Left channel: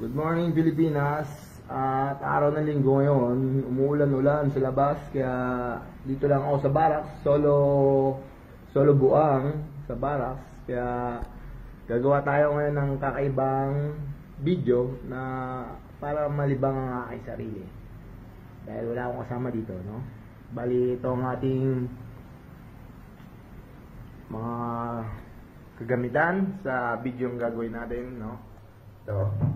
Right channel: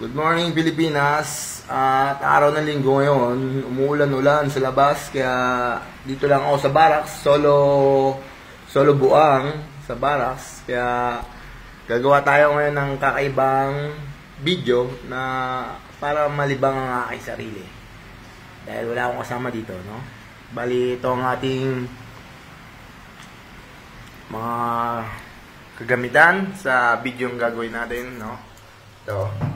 Good morning Pilipinas. At araw ng linggo ngayon, umuulan-ulan sa labas kaya dito lang ako sa barracks, solo buang sa barracks. Kaya gagawa tayo ngayon ng kakaibang video na para malibang ang aking sarili. Dahil wala akong kasama dito, no? Bali ito ang ating mga kagamitan sa video yung gagawin natin, no? Ito.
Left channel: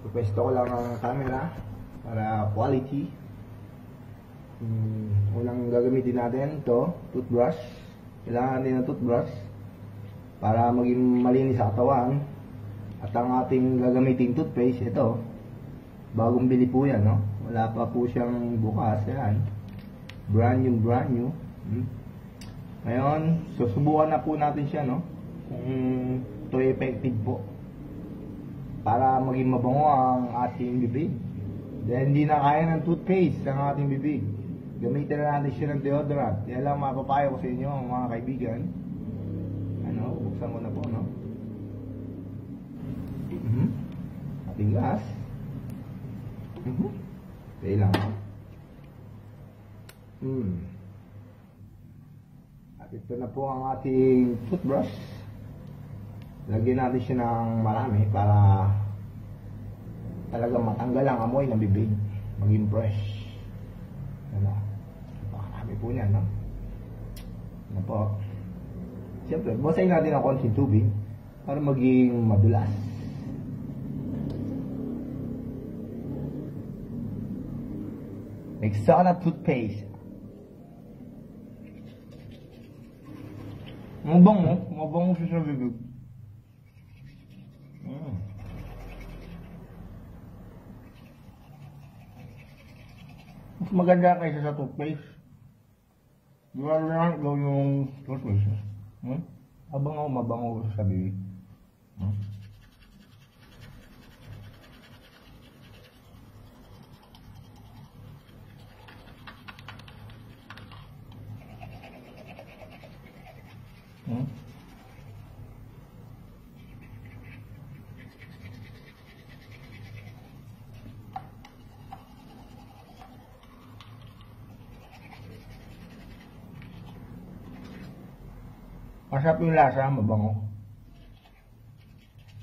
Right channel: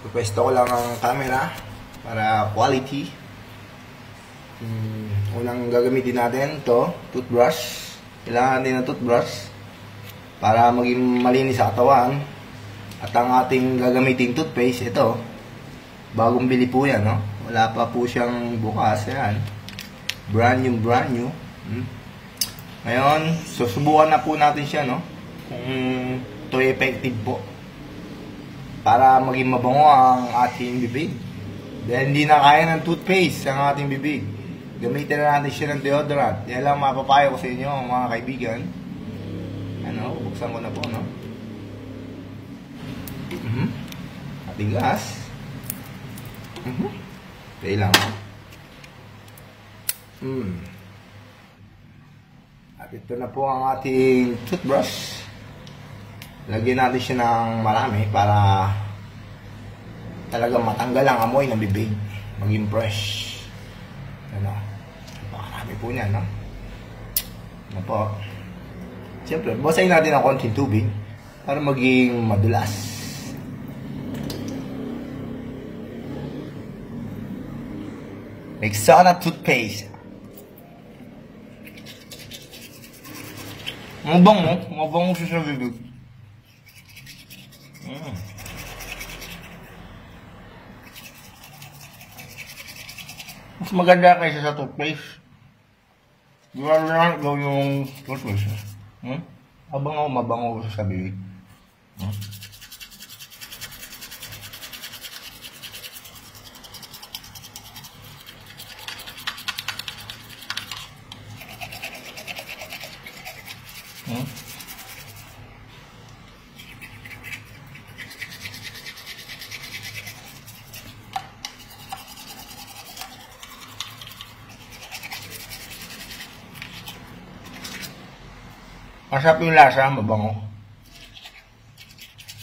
Pupwesto ko lang ang camera para quality. Unang gagamitin natin ito, toothbrush. Kailangan natin ng toothbrush para maging malinis sa katawan. At ang ating gagamiting toothpaste, ito. Bagong bili po yan, no? Wala pa po siyang bukas. Yan. Brand new. Ngayon, susubukan na po natin siya, no? Kung ito effective po. Para maging mabango ang ating bibig. Dahil hindi na kaya ng toothpaste ang ating bibig. Gamitin na natin siya ng deodorant. Yan lang mapapayo ko sa inyo, mga kaibigan. Ano, buksan ko na po, no? Ating gas. Okay lang. At ito na po ang ating toothbrush. Lagyan natin siya ng marami para talagang matanggal ang amoy ng bibig. Maging fresh. Ano? Marami po niyan, no? Ano po? Siyempre, basahin natin ng konting tubig para maging madulas. Rexona toothpaste. Mabango siya sa bibig. Mas maganda kaysa sa toothpaste. Di ba lang ikaw yung toothpaste? Abangaw, mabango sa bibig. Masarap yung lasa, mabango.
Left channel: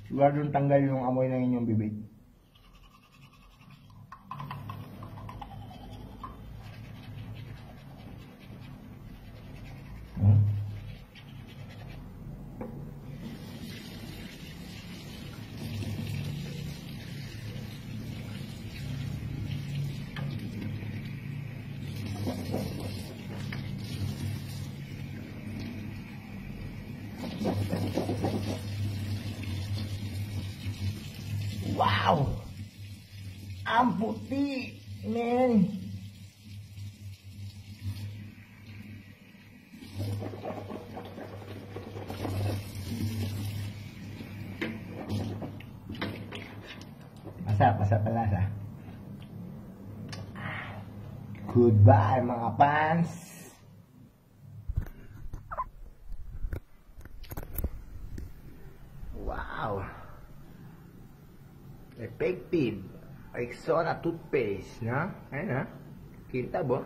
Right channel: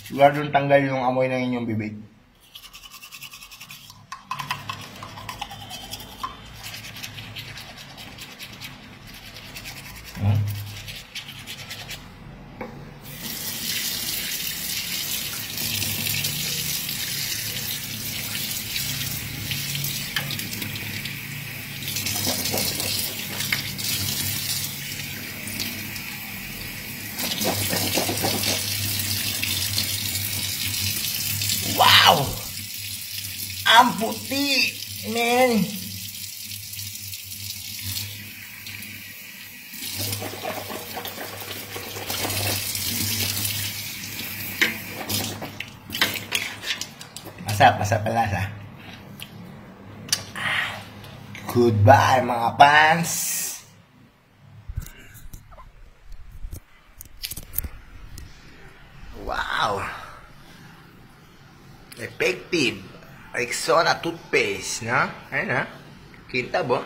Siguro tanggal yung amoy ng inyong bibig. Wow! Ang puti, man! Masarap ang lasa. Goodbye, mga fans! Wow! Effective. Rexona toothpaste, no? Ayun, ha? Kintab, oh.